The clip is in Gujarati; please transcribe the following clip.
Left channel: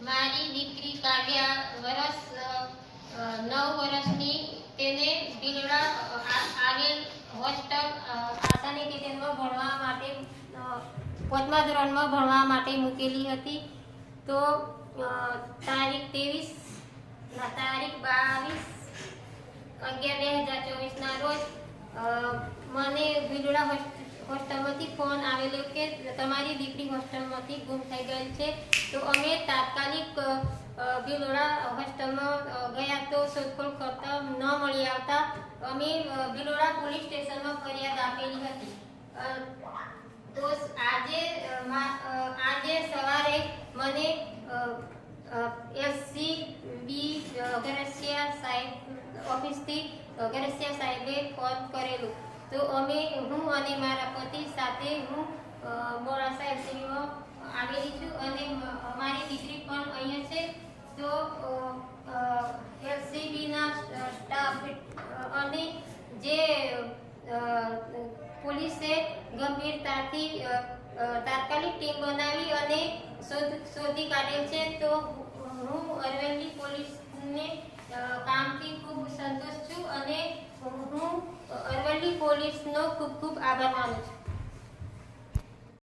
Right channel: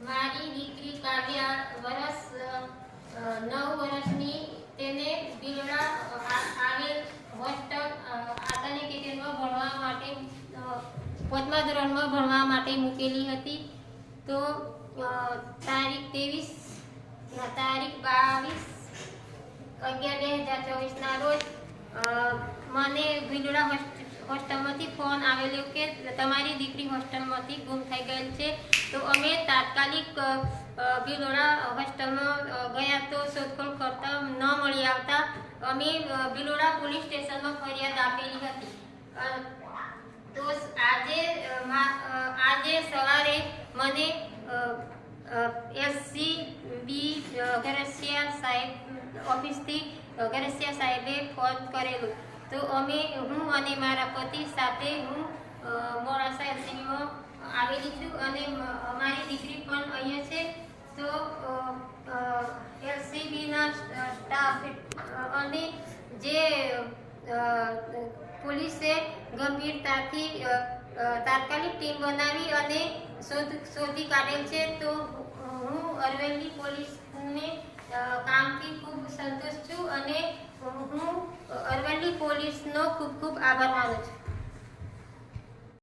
મારી દીકરી કાવ્યા અ, નવ વર્ષની તેને બિલડા આવેલ હોસ્ટેલ અ, કિચનમાં ભણવા માટે પાંચમા ધોરણમાં ભણવા માટે મૂકેલી હતી. તો તારીખ ત્રેવીસ તારીખ બાવીસ અગિયાર બે હજાર ચોવીસના રોજ મને ભીલડા હોસ્ટ- હોસ્ટેલમાંથી ફોન આવેલો કે તમારી દીકરી હોસ્ટેલમાંથી ગુમ થઈ ગયેલ છે. તો અમે તાત્કાલિક ભિલોડા હોસ્ટેલમાં ગયા તો શોધખોળ કરતા ન મળી આવતા અમે ભિલોડા પોલીસ સ્ટેશનમાં ફરિયાદ આપેલી હતી. તો આજે આજે સવારે મને એસસી બી ગરસિયા સાહેબ ઓફિસથી ગરસિયા સાહેબે ફોન કરેલું. તો અમે હું અને મારા પતિ સાથે હું મોડાસા એલસીબીમાં આવેલી છું અને અમારી દીકરી પણ અહીંયા છે. તો એલસીબીના સ્ટાફ અને જે પોલીસે ગંભીરતાથી તાત્કાલિક ટીમ બનાવી અને શોધ, શોધી કાઢેલ છે, તો સંતુષ્ટ છું અને હું અરવલ્લી પોલીસનો ખૂબ ખૂબ આભાર માનું છું